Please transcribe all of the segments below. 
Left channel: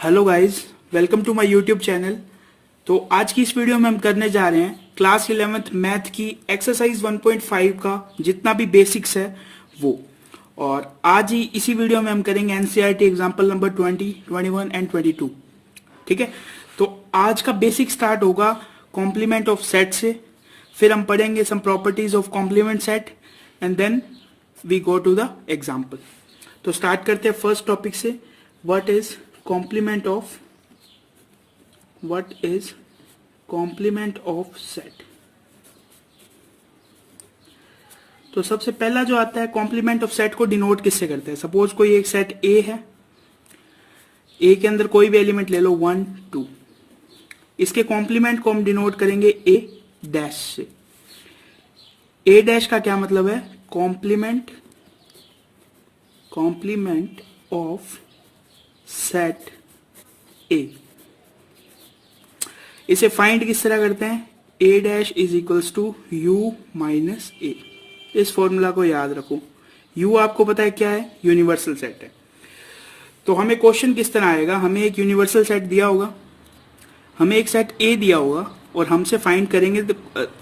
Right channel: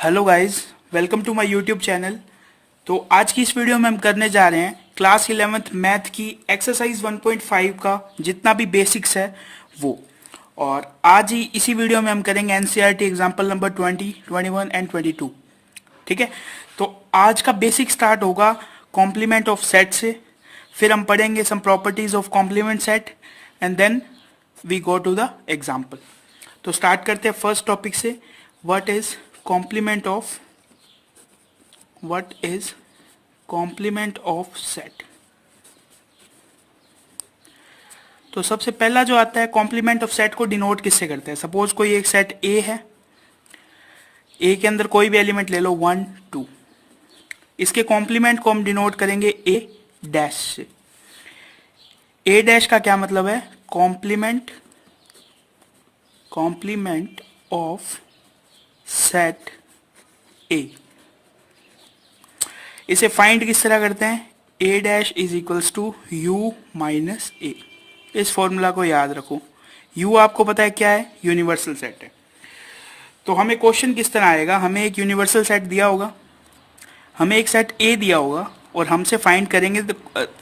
Hello guys, welcome to my YouTube channel. तो आज की इस वीडियो में हम करने जा रहे हैं क्लास 11th मैथ की एक्सरसाइज 1.5 का जितना भी बेसिक्स है वो। और आज ही इसी वीडियो में हम करेंगे एनसीईआरटी एग्जाम्पल नंबर 20, 21 एंड 22। ठीक है, तो आज का बेसिक स्टार्ट होगा कॉम्प्लीमेंट ऑफ सेट से, फिर हम पढ़ेंगे some properties of complement set and then we go to the example. तो स्टार्ट करते हैं फर्स्ट टॉपिक से, what is complement of set। तो सबसे पहला जो आता है कॉम्प्लीमेंट ऑफ सेट को डिनोट किससे करते हैं। सपोज कोई एक सेट ए है, ए के अंदर कोई भी एलिमेंट ले लो 1 2, इसके कॉम्प्लीमेंट को हम डिनोट करेंगे ए डैश से। ए डैश का क्या मतलब है, कॉम्प्लीमेंट ऑफ सेट ए। इसे फाइंड किस तरह करते हैं, A dash is equals to U minus A. इस फॉर्मूला को याद रखो, यू आपको पता है क्या है, यूनिवर्सल सेट है। तो हमें क्वेश्चन किस तरह आएगा, हमें एक यूनिवर्सल सेट दिया होगा, हमें एक सेट ए दिया होगा और हमसे फाइंड करेंगे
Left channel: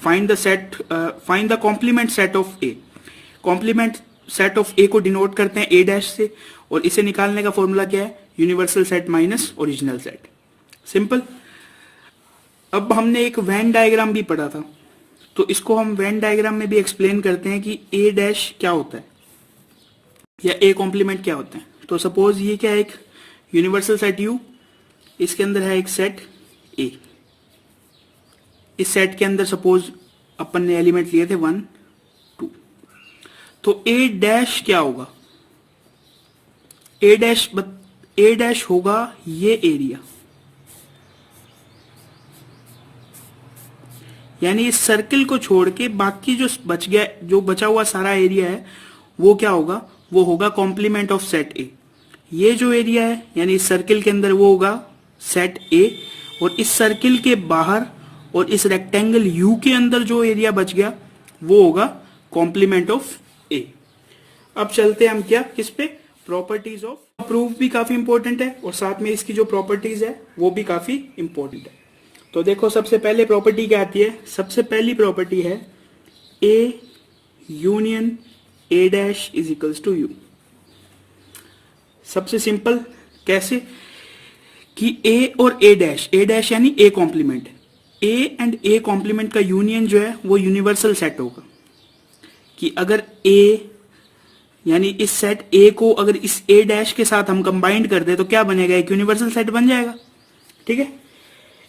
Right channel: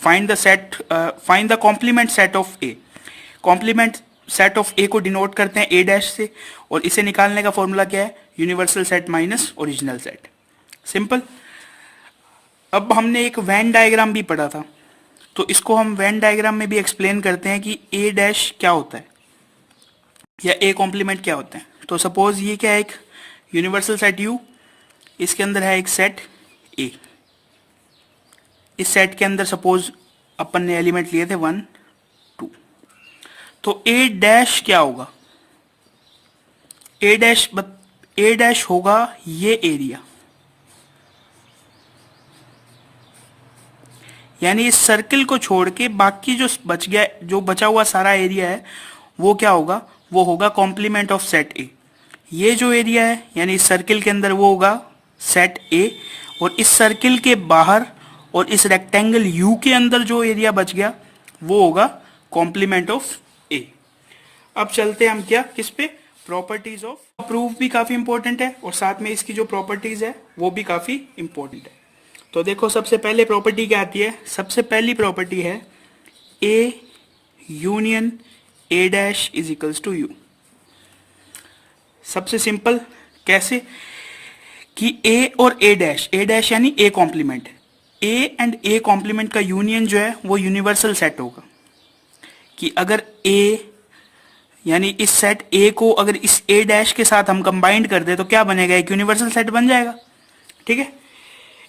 find the complement set of A. Complement set of A को डिनोट करते हैं ए डैश से, और इसे निकालने का फॉर्मूला क्या है, universal set minus original set. Simple. अब हमने एक वेन डायग्राम भी पढ़ा था, तो इसको हम वेन डायग्राम में भी एक्सप्लेन करते हैं कि ए डैश क्या होता है या ए कॉम्प्लीमेंट क्या होता है। तो सपोज ये क्या है, एक यूनिवर्सल सेट यू, इसके अंदर है एक सेट ए। इस सेट के अंदर सपोज अपन ने एलिमेंट लिए थे 1 2, तो ए डैश क्या होगा, ए डैश होगा ये एरिया, यानी इस सर्किल को छोड़ के बाकी जो बचा हुआ सारा एरिया है वो क्या होगा, वो होगा कॉम्प्लीमेंट ऑफ सेट ए। ये जो एरिया है यानी इस सर्किल के अंदर वो होगा सेट ए, और इस सर्किल के बाहर और इस रेक्टेंगल यू के अंदर जो एरिया बच गया वो होगा कॉम्प्लीमेंट ऑफ ए। अब चलते हैं हम क्या, किस पे, प्रॉपर्टीज ऑफ। प्रूफ भी काफी इंपॉर्टेंट है और साथ में इसकी जो प्रॉपर्टीज है वो भी काफी इंपॉर्टेंट है। तो देखो सबसे पहले प्रॉपर्टी क्या आती है, सबसे पहली प्रॉपर्टी है A union A dash is equals to U. सबसे सिंपल कैसे कि ए और ए डैश यानी A complement, A and A complement का यूनियन जो है वो यूनिवर्सल सेट होगा। कि अगर ए यानी इस सेट ए को अगर इस ए डैश के साथ हम कंबाइंड कर दे तो क्या बनेगा, एक यूनिवर्सल सेट बन जाएगा। ठीक है,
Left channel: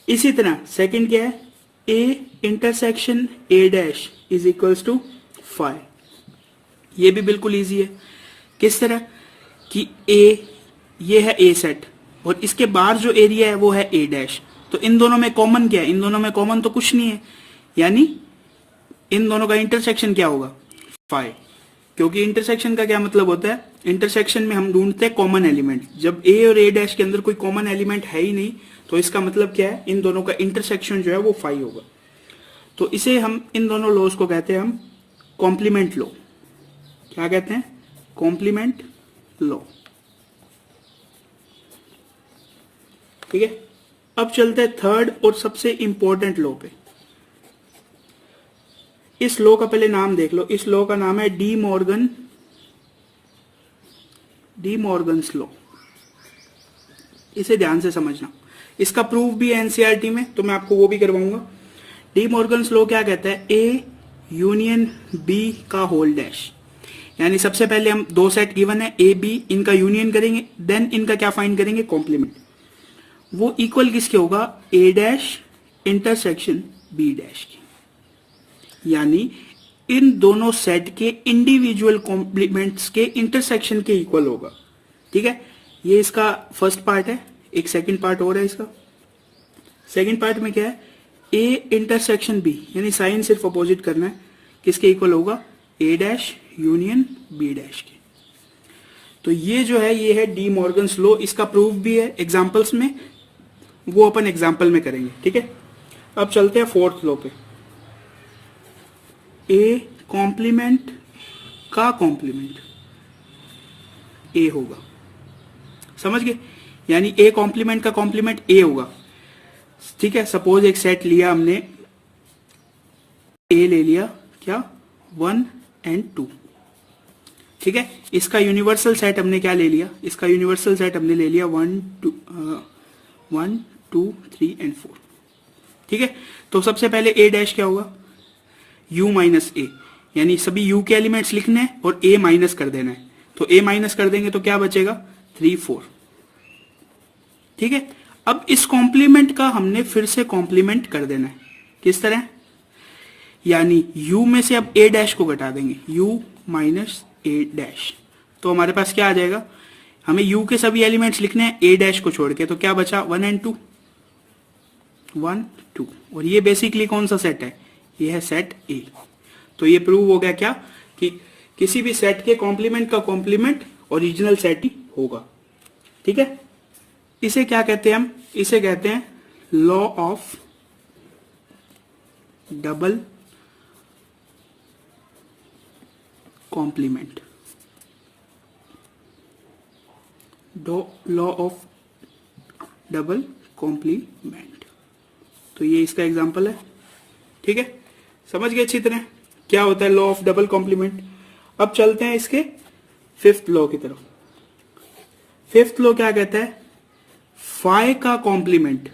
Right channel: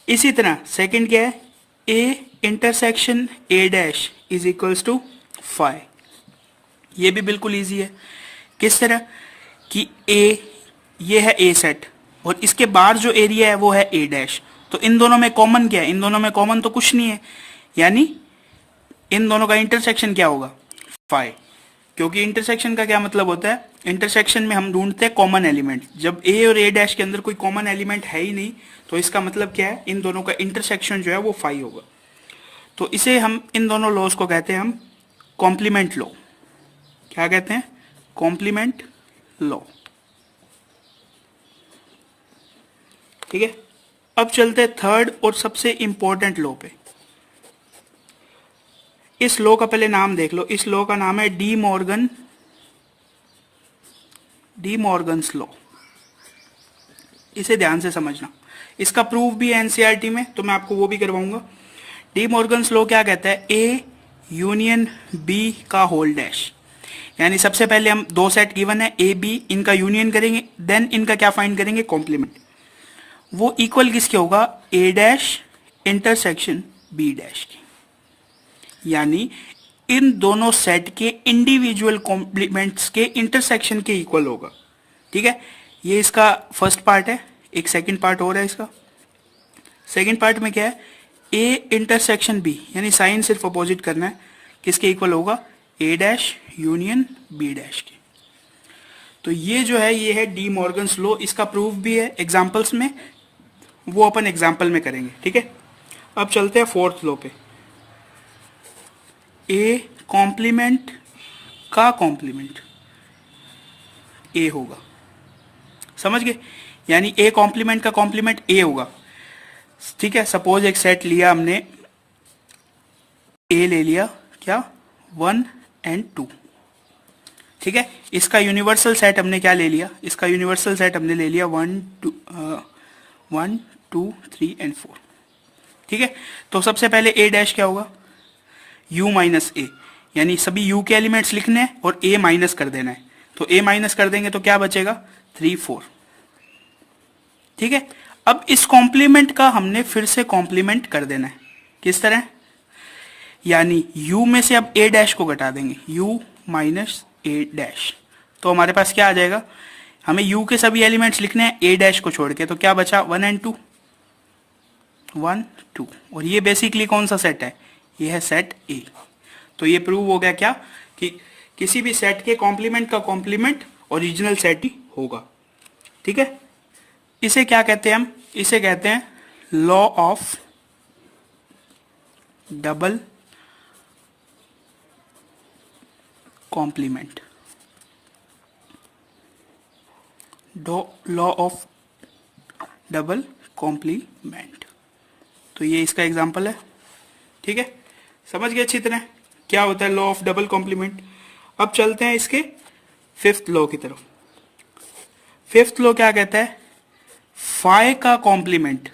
इसी तरह सेकंड क्या है, A intersection A dash is equals to phi. ये भी बिल्कुल इजी है। किस तरह कि ए, ये है ए सेट और इसके बाहर जो एरिया है वो है ए डैश, तो इन दोनों में कॉमन क्या है, इन दोनों में कॉमन तो कुछ नहीं है, यानी इन दोनों का इंटरसेक्शन क्या होगा, फाई। क्योंकि इंटरसेक्शन का क्या मतलब होता है, इंटरसेक्शन में हम ढूंढते हैं कॉमन एलिमेंट। जब ए और ए डैश के अंदर कोई कॉमन एलिमेंट है ही नहीं तो इसका मतलब क्या है, इन दोनों का इंटरसेक्शन जो है वो फाई होगा। तो इसे हम, इन दोनों लॉज को कहते हैं हम कॉम्प्लीमेंट लॉ। क्या कहते हैं, कॉम्प्लीमेंट लॉ। ठीक है, अब चलते हैं थर्ड और सबसे इंपॉर्टेंट लॉ पे। इस लॉ का पहले नाम देख लो, इस लॉ का नाम है डी मॉर्गन्स लॉ। इसे ध्यान से समझना, इसका प्रूफ भी है एनसीईआरटी में, तो मैं आपको वो भी करवाऊंगा। डी मॉर्गन्स लॉ क्या कहता है, ए यूनियन बी का होल डैश। यानी सबसे पहले हम दो सेट गिवन है ए बी, इनका यूनियन करेंगे, देन इनका क्या फाइंड करेंगे, कॉम्प्लीमेंट। वो इक्वल किसके होगा, ए डैश इंटरसेक्शन बी डैश की। यानी इन दोनों सेट के इंडिविजुअल कॉम्प्लीमेंट्स के इंटरसेक्शन के इक्वल होगा। ठीक है, ये इसका फर्स्ट पार्ट है। एक सेकंड पार्ट और है इसका। सेकंड पार्ट में क्या है, ए इंटरसेक्शन बी, यानी साइन सिर्फ अपोजिट करना है, किसके इक्वल होगा, ए डैश यूनियन बी डैश की। तो ये जो है ये है डी मॉर्गन्स लॉ। इसका प्रूफ भी है एग्जांपल्स में, वो अपन एग्जांपल में करेंगे। ठीक है, अब चलते हैं फोर्थ लॉ पे। ए कॉम्प्लीमेंट का कॉम्प्लीमेंट ए होगा, समझ गए। यानी ए कॉम्प्लीमेंट का कॉम्प्लीमेंट ए होगा। ठीक है, सपोज एक सेट लिया हमने, ए ले लिया क्या, 1 and 2। ठीक है, इसका यूनिवर्सल सेट हमने क्या ले लिया, इसका यूनिवर्सल सेट हमने ले लिया 1 2 3 and 4। ठीक है, तो सबसे पहले ए डैश क्या होगा, u माइनस ए, यानी सभी u के एलिमेंट्स लिखने हैं और a माइनस कर देना है। तो a माइनस कर देंगे तो क्या बचेगा, 3 4। ठीक है, अब इस कॉम्प्लीमेंट का हमने फिर से कॉम्प्लीमेंट कर देना है। किस तरह, यानी u में से अब a डैश को घटा देंगे, u माइनस a डैश, तो हमारे पास क्या आ जाएगा, हमें u के सभी एलिमेंट्स लिखने हैं a डैश को छोड़ के, तो क्या बचा 1 and 2, 1 2। और ये बेसिकली कौन सा सेट है, ये है सेट A। तो ये प्रूव हो गया क्या, कि किसी भी सेट के कॉम्प्लीमेंट का कॉम्प्लीमेंट ओरिजिनल सेट ही होगा। ठीक है, इसे क्या कहते हैं हम, इसे कहते हैं law of double complement, law of double complement. तो ये इसका एग्जांपल है। ठीक है, समझ गए अच्छी तरह क्या होता है लॉ ऑफ डबल कॉम्प्लीमेंट। अब चलते हैं इसके फिफ्थ लॉ की तरफ। फिफ्थ लॉ क्या कहता है, फाई का कॉम्प्लीमेंट,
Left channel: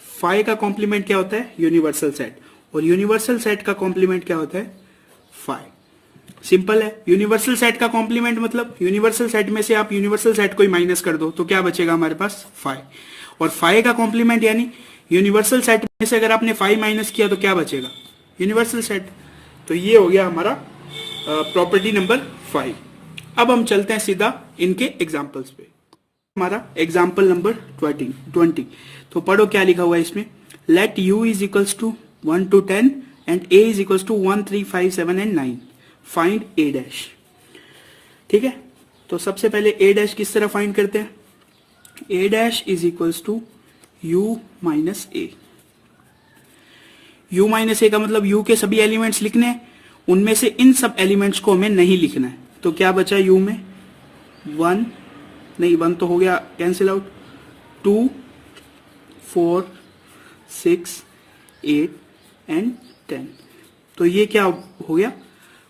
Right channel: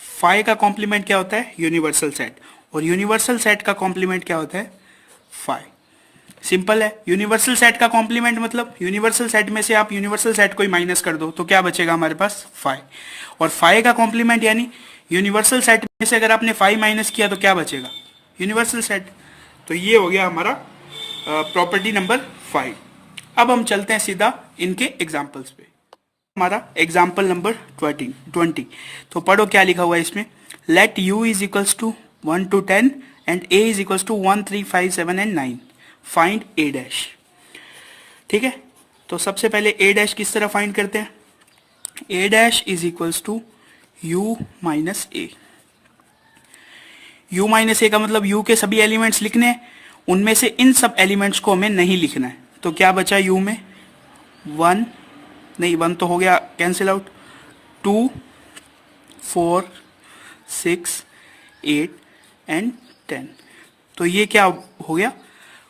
फाई का कॉम्प्लीमेंट क्या होता है, यूनिवर्सल सेट, और यूनिवर्सल सेट का कॉम्प्लीमेंट क्या होता है, फाई। सिंपल है, यूनिवर्सल सेट का कॉम्प्लीमेंट मतलब यूनिवर्सल सेट में से आप यूनिवर्सल सेट को ही माइनस कर दो तो क्या बचेगा हमारे पास, फाई। और फाई का कॉम्प्लीमेंट यानी यूनिवर्सल सेट में से अगर आपने फाई माइनस किया तो क्या बचेगा, यूनिवर्सल सेट। तो ये हो गया हमारा प्रॉपर्टी नंबर 5। अब हम चलते हैं सीधा इनके एग्जांपल्स पे। हमारा एग्जांपल नंबर 20। तो पढ़ो क्या लिखा हुआ है इसमें, let u is equals to 1 to 10 and a is equals to 1 3 5 7 and 9, find a dash. ठीक है, तो सबसे पहले a डैश किस तरह फाइंड करते हैं, a dash is equals to u minus A. u minus A का मतलब u के सभी एलिमेंट्स लिखने हैं, उनमें से इन सब एलिमेंट्स को हमें नहीं लिखना है। तो क्या बचा u में, 1 नहीं, 1 तो हो गया कैंसिल आउट, 2 4 6 8 एंड 10। तो ये क्या हो गया,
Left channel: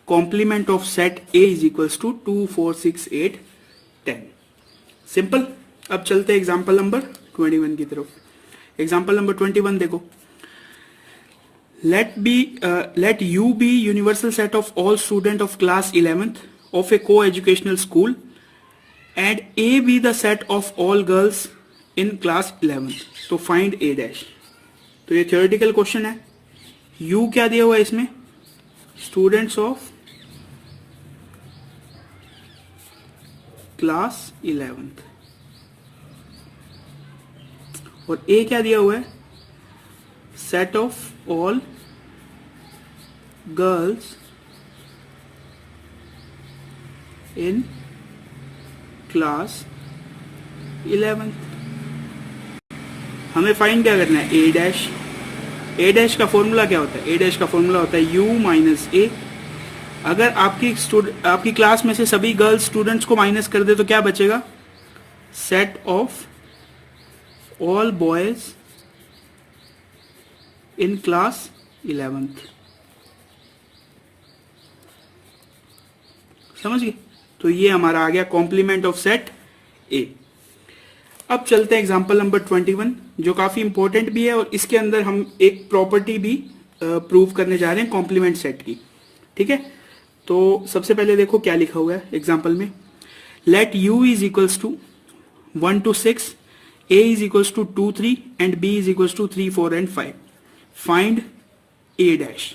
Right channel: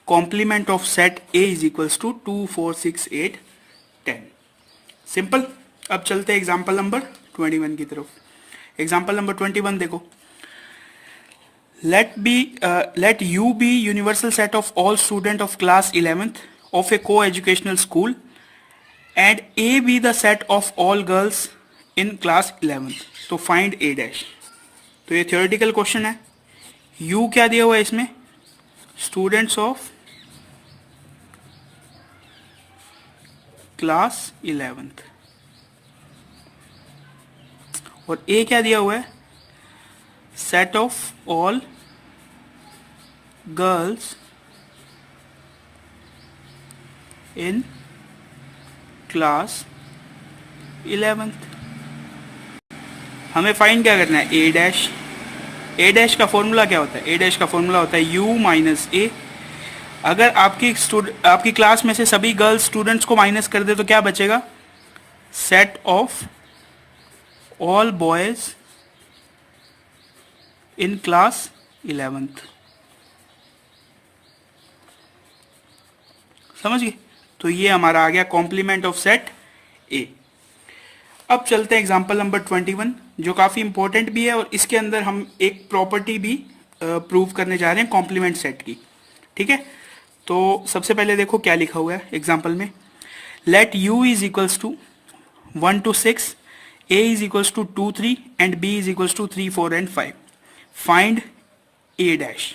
complement of set a is equals to 2 4 6 8 10। Simple. अब चलते हैं एग्जाम्पल नंबर 21 की तरफ। एग्जाम्पल नंबर 21 देखो, let u be universal set of all student of class 11th of a co-educational school and a be the set of all girls in class 11th। तो find a dash. तो ये theoretical question है, u क्या दिया हुआ है इसमें, students of class 11th, और a क्या दिया हुआ है, set of all girls in class 11th। हमें फाइंड क्या करना है, a डैश। a डैश का फॉर्मूला क्या होता है, a डैश का फॉर्मूला होता है u माइनस ए। अगर आपकी क्लास में से सभी गर्ल्स स्टूडेंट्स को माइनस कर दे तो क्या बचेगा, set of all boys in class 11th। समझ गए, तो ये हमारा आ गया कॉम्प्लीमेंट ऑफ सेट ए। अब चलते हैं एग्जांपल नंबर 21 जो काफी इंपॉर्टेंट भी है, और इसके अंदर हम एक प्रॉपर्टी भी प्रूव करने जा रहे हैं कॉम्प्लीमेंट सेट की। ठीक है, तो सबसे पहले देखो क्या लिखा हुआ है एग्जांपल में, let u is equals to 1 to 6, a is equals to 2 3 and b is equals to 3 4 and 5, find a dash.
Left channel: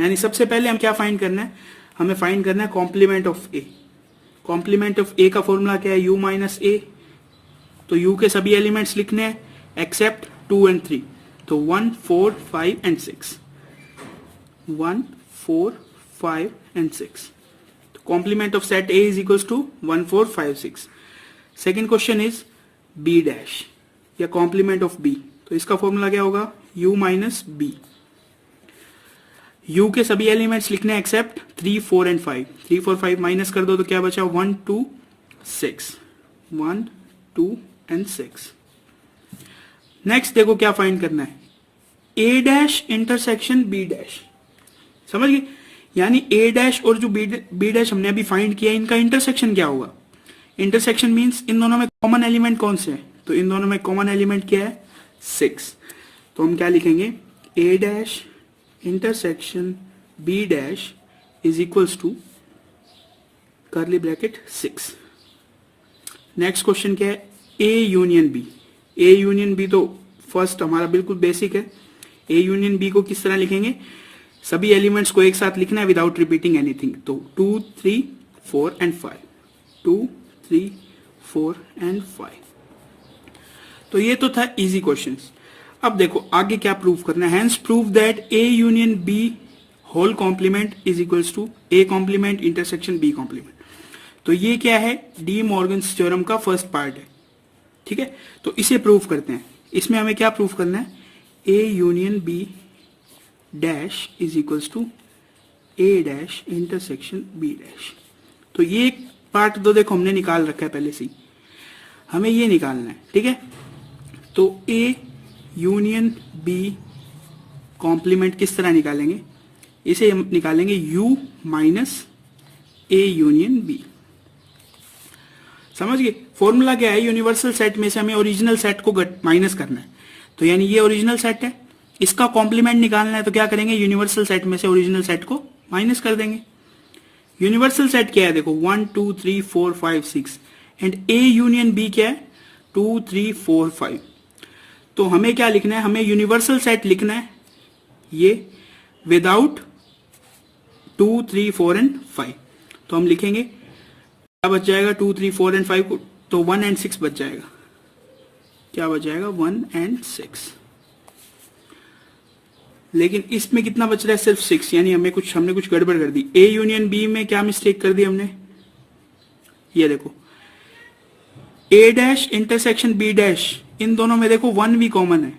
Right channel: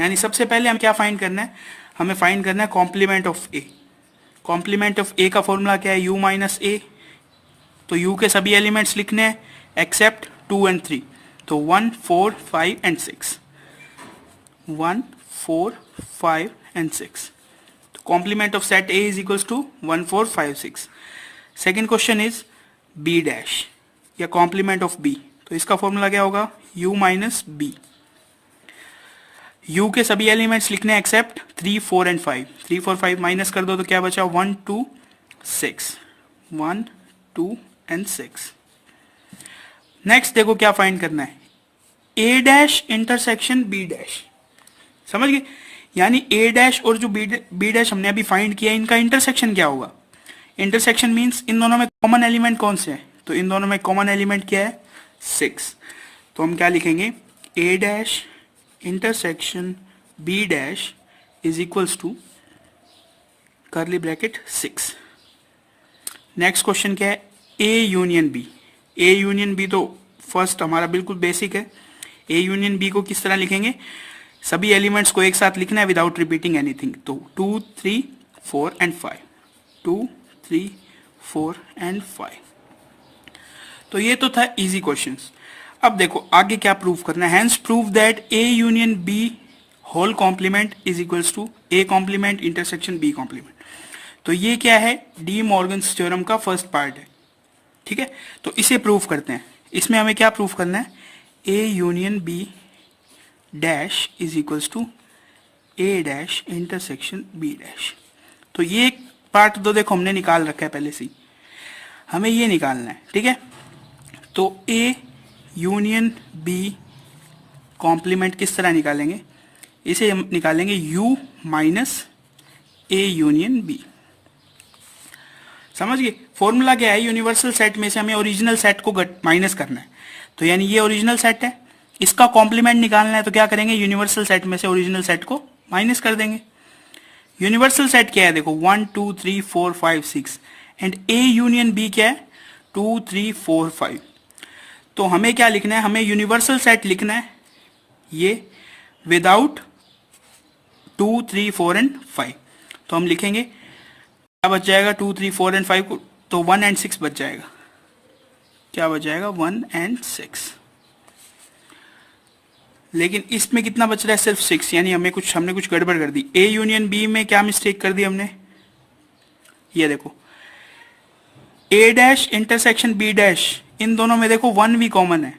यानी सबसे पहले हम क्या फाइंड करना है, हमें फाइंड करना है complement of a। Complement of a का फॉर्मूला क्या है, u माइनस ए। तो u के सभी एलिमेंट्स लिखने हैं एक्सेप्ट 2 and 3, तो 1 4 5 and 6, 1 4 5 and 6। तो complement of set a is equals to 1 4 5 6। Second question is b dash या कॉम्प्लीमेंट ऑफ b। तो इसका फॉर्मूला क्या होगा, u माइनस बी। u के सभी एलिमेंट्स लिखने हैं एक्सेप्ट 3 4 and 5, 3 4 5 माइनस कर दो तो क्या बचा, 1 2 6, 1 2 एंड 6। नेक्स्ट देखो क्या फाइंड करना है, ए डैश इंटरसेक्शन बी डैश। समझ गए, यानी ए डैश और जो बी डैश हमने अभी फाइंड किया इनका इंटरसेक्शन क्या होगा। इंटरसेक्शन मींस इन दोनों में कॉमन एलिमेंट कौन से हैं, तो इन दोनों में कॉमन एलिमेंट क्या है 6। तो हम क्या लिखेंगे, A dash intersection B dash is equals to curly bracket 6। Next question क्या है, A union B. A union B तो फर्स्ट हमारा बिल्कुल बेसिक है। ए यूनियन बी को किस तरह लिखेंगे, सभी एलिमेंट्स को एक साथ लिखना है विदाउट रिपीटिंग एनीथिंग। तो 2 3 4 एंड 5, 2 3 4 एंड 5। तो ये तो था इजी क्वेश्चंस। अब देखो आगे क्या प्रूव करना है, hence prove that A union B whole complement is equals to A complement intersection B complement. तो ये क्या है, डी मॉर्गन्स थ्योरम का फर्स्ट पार्ट है। ठीक है, तो इसे प्रूव करते हैं। इसमें हमें क्या प्रूव करना है, A union B dash is equals to A dash intersection B dash. तो ये पार्ट तो देखो हमने निकाल रखा है पहले से ही, हमें ये निकालना है। ठीक है, तो ए यूनियन बी कॉम्प्लीमेंट किस तरह निकालेंगे, इसे हम निकालेंगे u minus A union B. समझ गए, फॉर्मूला क्या है, यूनिवर्सल सेट में से हमें ओरिजिनल सेट को माइनस करना है। तो यानी ये ओरिजिनल सेट है, इसका कॉम्प्लीमेंट निकालना है, तो क्या करेंगे, यूनिवर्सल सेट में से ओरिजिनल सेट को माइनस कर देंगे। यूनिवर्सल सेट क्या है, देखो 1 2 3 4 5 6 एंड ए यूनियन बी क्या है 2 3 4 5। तो हमें क्या लिखना है, हमें यूनिवर्सल सेट लिखना है ये विदाउट 2 3 4 एंड 5। तो हम लिखेंगे क्या बच जाएगा, 2 3 4 एंड 5 को, तो 1 एंड 6 बच जाएगा। क्या बच जाएगा, 1 एंड 6। लेकिन इसमें कितना बच रहा है, सिर्फ 6, यानी हमने कुछ गड़बड़ कर दी। ए यूनियन बी में क्या मिस्टेक कर दी हमने, ये देखो ए डैश इंटरसेक्शन बी डैश, इन दोनों में देखो 1 भी कॉमन है,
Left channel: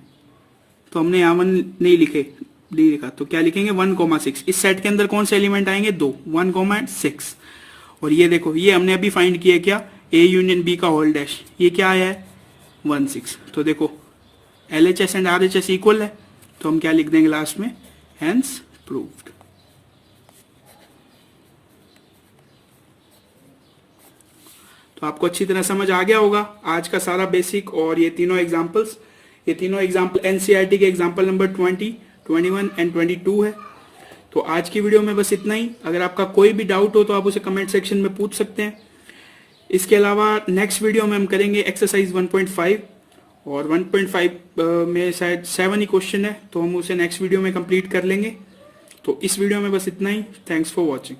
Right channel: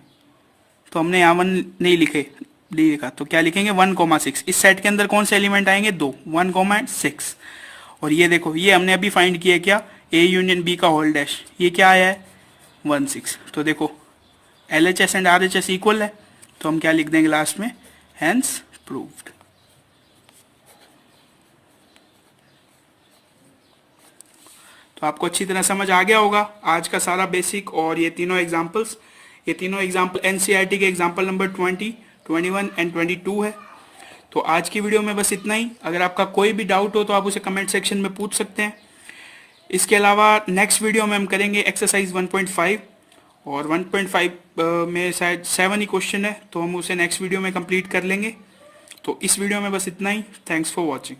तो हमने यहाँ 1 नहीं लिखे, डी लिखा। तो क्या लिखेंगे 1,6। इस सेट के अंदर कौन से एलिमेंट आएंगे, 2, 1,6। और ये देखो ये हमने अभी फाइंड किया क्या, ए यूनियन बी का होल डैश, ये क्या आया है 1 6। तो देखो LHS एंड RHS इक्वल है, तो हम क्या लिख देंगे लास्ट में, हेंस प्रूव्ड। तो आपको अच्छी तरह समझ आ गया होगा आज का सारा बेसिक और ये तीनों एग्जांपल्स। ये तीनों एग्जांपल NCERT के एग्जांपल नंबर 20, 21 एंड 22 है। तो आज की वीडियो में बस इतना ही। अगर आपका कोई भी डाउट हो तो आप उसे कमेंट सेक्शन में पूछ सकते हैं। इसके अलावा नेक्स्ट वीडियो में हम करेंगे एक्सरसाइज 1.5 और 1.5 में शायद 7 ही क्वेश्चन है, तो हम उसे नेक्स्ट वीडियो में कंप्लीट कर लेंगे। तो इस वीडियो में बस इतना ही। Thanks for watching.